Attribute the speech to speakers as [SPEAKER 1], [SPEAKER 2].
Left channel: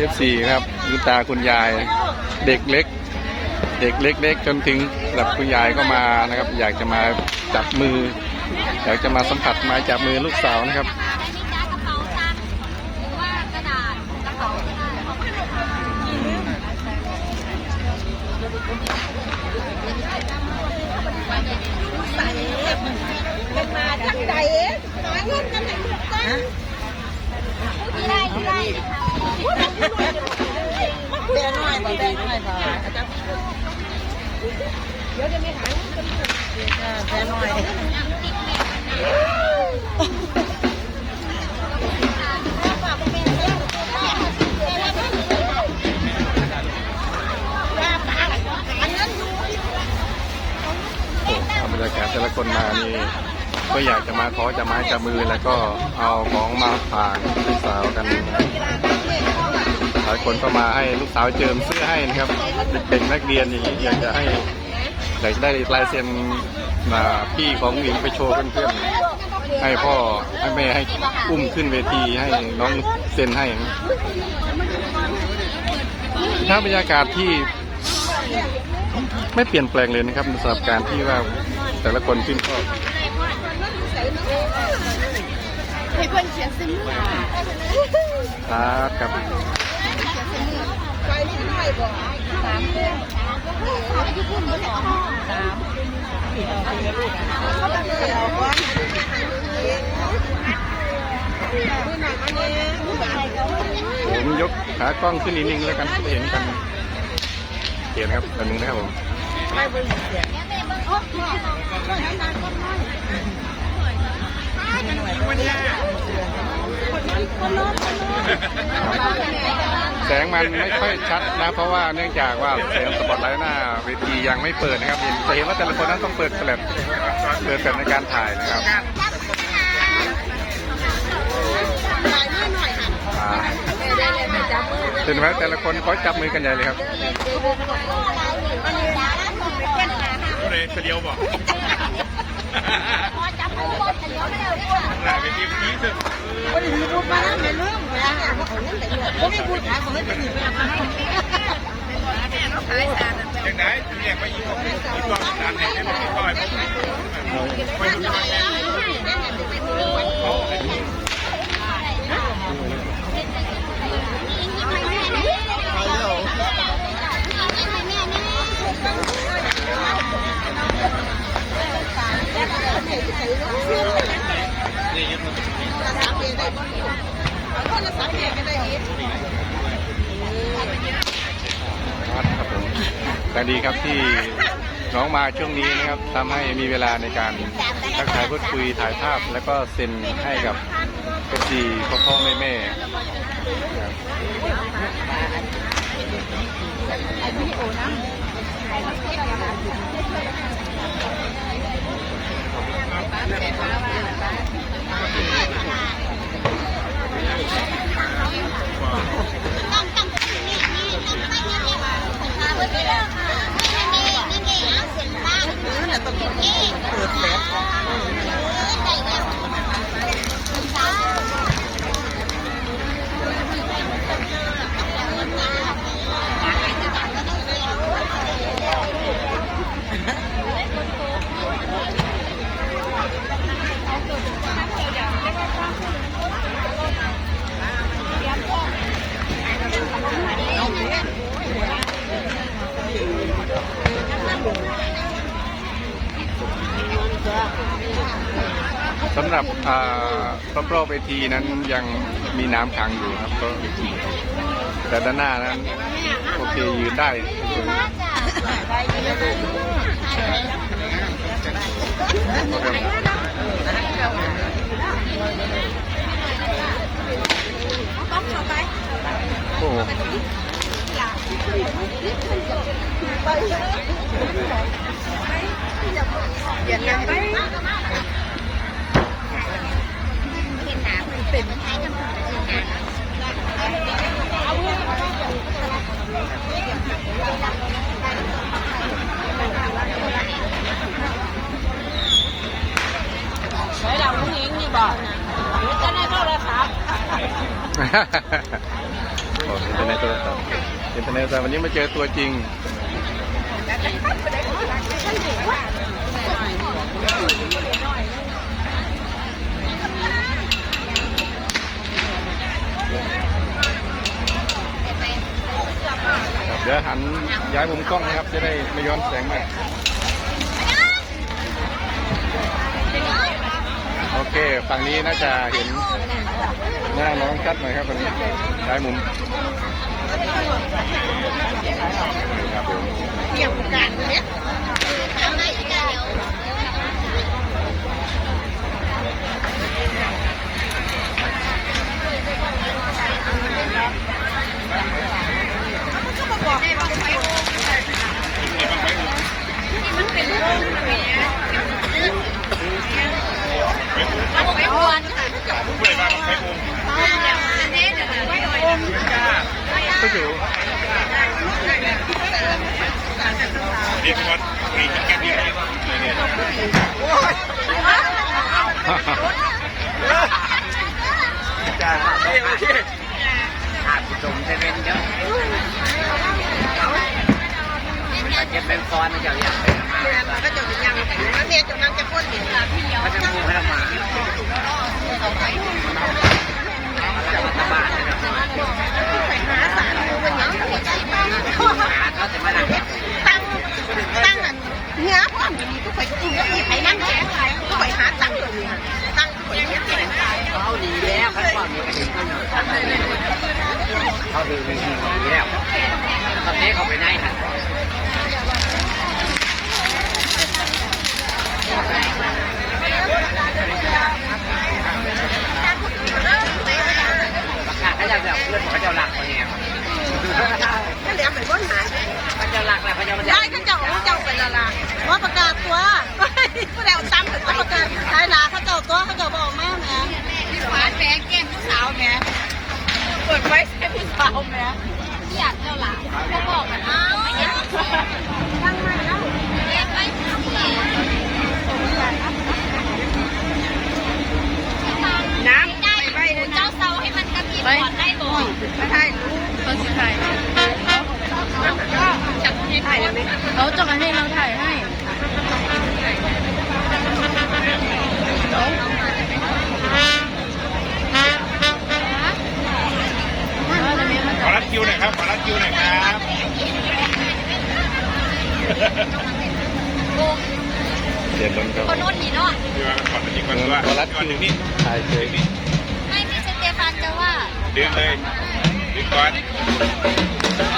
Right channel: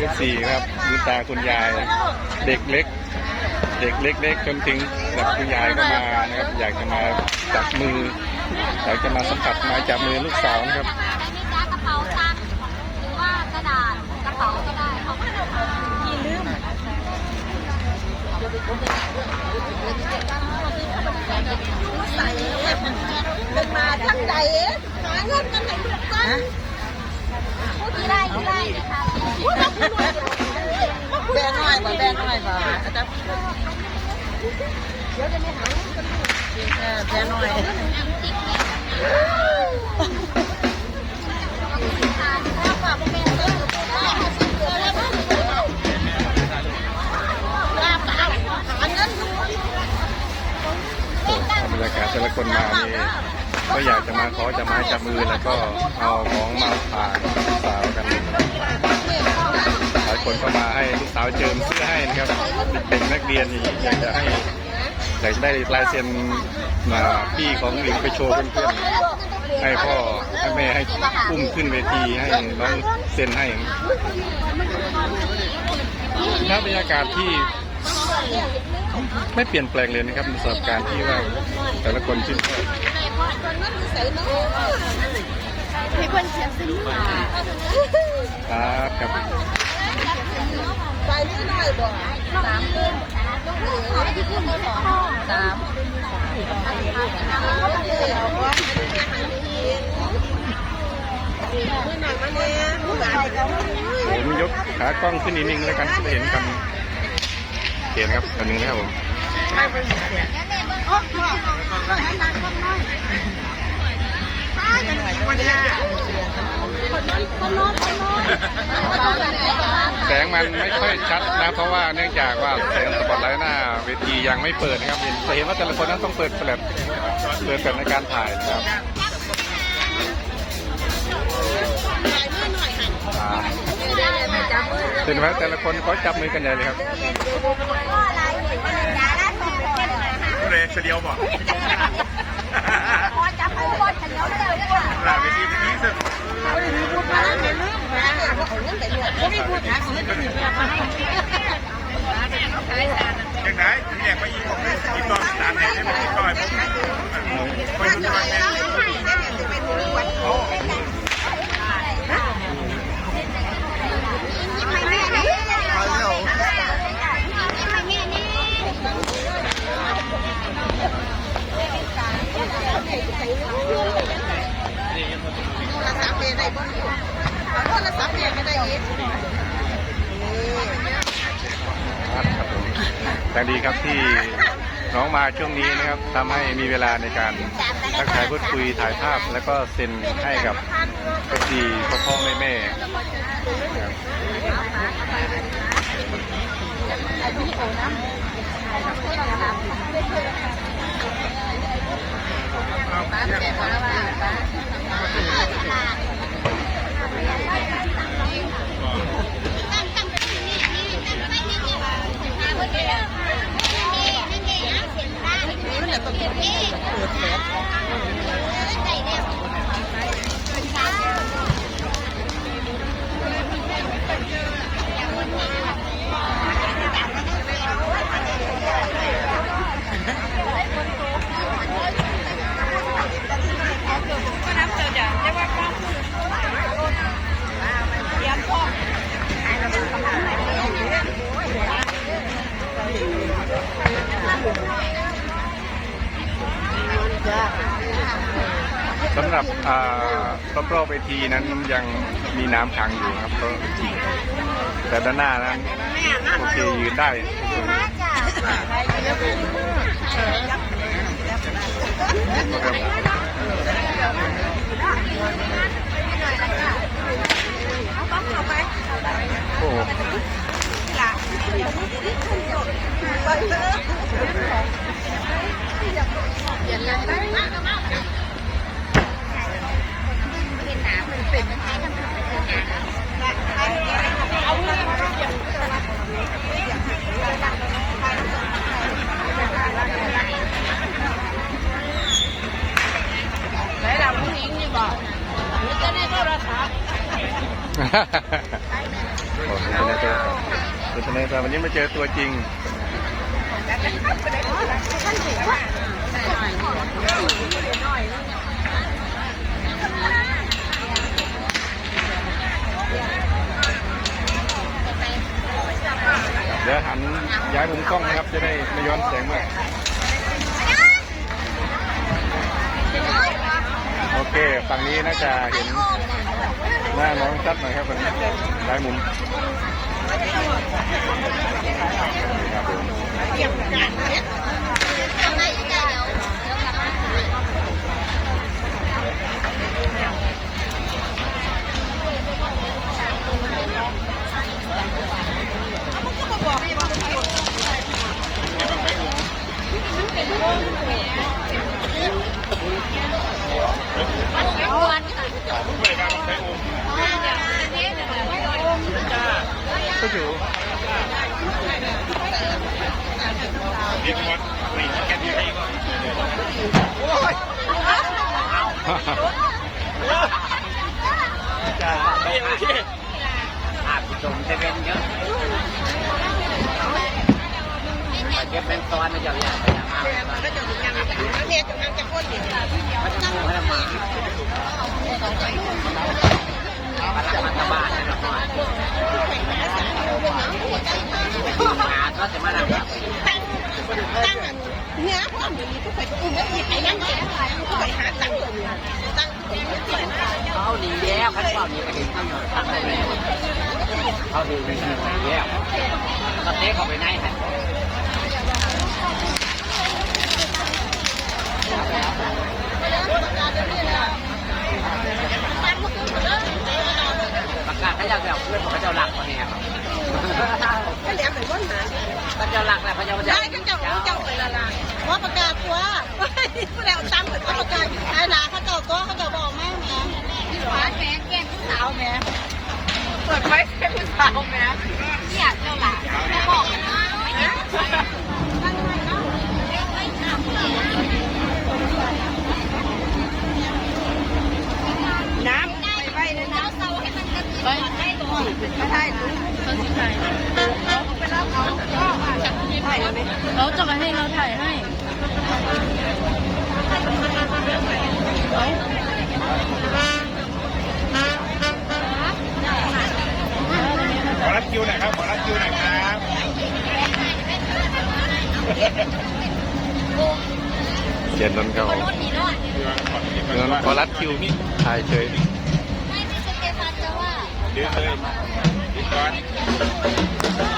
[SPEAKER 1] เอฟซีครับคุณตาคุณยายเด็กเล็ก เด็กเล็กๆจนถึงระดับคุณยายก็มานะครับ อยากจะมาจับมืออยากจะมาสัมผัสไมาจับมือลูกสาวนะครับ
[SPEAKER 2] ได้ไหมจ๊ะกระเป๋าตังค์หรือว่ากระดาษกระเป๋าก็ได้ขอบคุณค่ะเป็นมาทั้งใจหาเงินกันไหนลูกก้อน
[SPEAKER 3] บ่แดงน้อาจารย์เดี๋ยวจะไม่หายกันลูกแดงน้อย
[SPEAKER 2] ติ๊กเมย์วันนั้นทานเพราะว่าเป็นเด็กเล่น
[SPEAKER 1] โอ้บรรยากาศแต่ละคนมานี่ก็อยากจะมาขอจะมาจับมือแล้วก็เอาของมาฝากลูกสาวกันนะ ลายคนก็มาให้ลูกสาวเจิมเสื้อให้นะครับเด็กนักเรียนอย่างนี้อยากจะให้อยากจะได้ลายเซ็นมาพี่ของหญิงไปโชว์เพื่อนๆให้พ่อให้แม่ให้อุ้มขึ้นเวทีให้น้องเซ็นให้นะบรรยากาศที่ไม่เปลี่ยนแปลงเลยนะครับสำหรับการที่ว่าแต่ละคนชื่นชอบ
[SPEAKER 2] ให้เพื่อนเขียนซื้อมา
[SPEAKER 1] ครับครับ
[SPEAKER 3] นิดหน่อยบ่
[SPEAKER 2] สามเดือนที่ขึ้นมาสองสาม
[SPEAKER 3] ผม
[SPEAKER 1] ยกขากล้องขึ้นนิดนึงแล้วกันจะเห็นกันเห็นครับอันนึงนะครับผม
[SPEAKER 2] แล้วแม่เบิ้งโอ้โหเบิ้งให้นานคนน้อย
[SPEAKER 3] วันนี้
[SPEAKER 2] คนน้อยคนน้อย
[SPEAKER 1] แสงมันไม่ค่อยชัดนะ เพราะว่าเนื่องจากว่าแสงสปอตไลท์หน้าเวทียังไม่เปิดนะครับเห็นจะเห็นว่าแต่ละคนนั้นต้องเปิดแฟลชเปิดแฟลชในการถ่ายนะครับ
[SPEAKER 3] ถ่ายนิดหน่อยหัน
[SPEAKER 1] อ่า
[SPEAKER 3] ได้เลยแม่จับมือ
[SPEAKER 1] เห็นไหมแต่ละคนเขาจับมือกันใหญ่เลยครับ
[SPEAKER 2] ก็อะไรเห็นดาราสองคน
[SPEAKER 4] ก็เลยเสียวบ่
[SPEAKER 2] พอจับ ผู้บอลเลียวมาแล้วเนี่ยค่ะ
[SPEAKER 4] หลาไปที่นี้ซึ่ง
[SPEAKER 3] เอาดีพูดมาไม่ลืมนี่ยเขาเอาเงินไปหน่อยไม่ได้พูดหาเงินไปหน่อย
[SPEAKER 4] อย่างไหนถึงแรกไปอีกของอีกตอนสามเนี่ยได้มาอีกต่อยผมไปดูที่บ้างแม่
[SPEAKER 2] ไปเร็วแม่แม่
[SPEAKER 3] โท รศัพท์เองได้บ่เอาโทรศัพท์เองก็ได้อีก
[SPEAKER 1] ครับครับผมแต่ดีครับที่น้องมาช่วงนี้นะครับทำให้มีเวลาในการทักทายพูดคุยถ่ายภาพ แล้วก็เซ็นให้กับเอฟซีพ่อพ่อแม่แม่ครับ สำหรับรอบๆเวทีนั้นยังมีน้ำขังอยู่ครับก็แต่ด้านหน้านั้นโอเคยืนได้สวยครับโอ้โห
[SPEAKER 3] ญิงนี่บ่
[SPEAKER 1] โอ้อินเทอร์เน็ตโทรศัพท์อินเทอร์เน็ตโทรศัพท์วันนี้มาเจอตัวจริงครับเดี๋ยวหันย้ายมุมกล้องนะครับ จะได้ไม่ย้อนแสงมาก โอเค ฝั่งนี้น่าจะเห็นหน้าน้องชัดหน่อยครับวันนี้ด้ายมุมนี่ครับผม ก็อยู่
[SPEAKER 4] นี่คือว่ามีเก็บอยู่
[SPEAKER 3] อาบตรงเซเว่นเยอะแต่เก็บเป็นซ้อนมันจะอยากไปทำมา
[SPEAKER 2] ก็จะยังแล้วเนี่ยจะนั่งจะพ่นอยู่
[SPEAKER 3] ก็จะมูให้ละมามันจะมาตะบ้านนะครับ หาก็จะมานั่ง
[SPEAKER 2] ตั้งตั้งเนื้อพ่นก็ไปกินก็ไปนั่งแข็งก็ไปหาตั้งตรงนี้ตั้งไปเนี่ย
[SPEAKER 3] เขาดีแล้วเขาชอบมีกระดิ่งเขาหน่อยตั้งแต่นี้เขาดูดีดีแล้วแล้วก็เทเขาไปไหนฮะประกาศให้เราแบบเพื่อนของเขาเจ้าหลักคนนี้
[SPEAKER 2] ก็เหลียไปก้นหาย
[SPEAKER 3] เขาเจ้าหลักแหละเขาเจ้า
[SPEAKER 2] ได้ก็เจ้าเจ้าไปละลาว่าประกาศตัวก็แล้วตั้งเอาประกาศขายลาเขาเจ้าตัวเขาเจ้าบอกมาแม่ที่ฟ้าแม่แก้ผู้สาวแม่เปิดไว้แก้ผู้สาวแม่อยากเจ้าหลาเขาบอกกันเอาตั้งไม่เล่าไม่ทำน้ำได้ไปเจ้าเซาให้มันกระติบก่อนได้บ่ไม่ใช่
[SPEAKER 5] เขาจะมาให้เราถ่ายให้เออตอนนี้มา
[SPEAKER 4] ขอรับคิวหน่อยครับขอรับคิวหน่อยครับ
[SPEAKER 1] เขียนนนเขา
[SPEAKER 4] พี่ว่าขอรับคิวก่อนว่า
[SPEAKER 1] ขอรัดคิว
[SPEAKER 4] นี่
[SPEAKER 1] ถ่ายเฉย
[SPEAKER 2] ไม่ไม่สเตฟานจะว่าเดึ
[SPEAKER 4] งเลย ดึงก่อน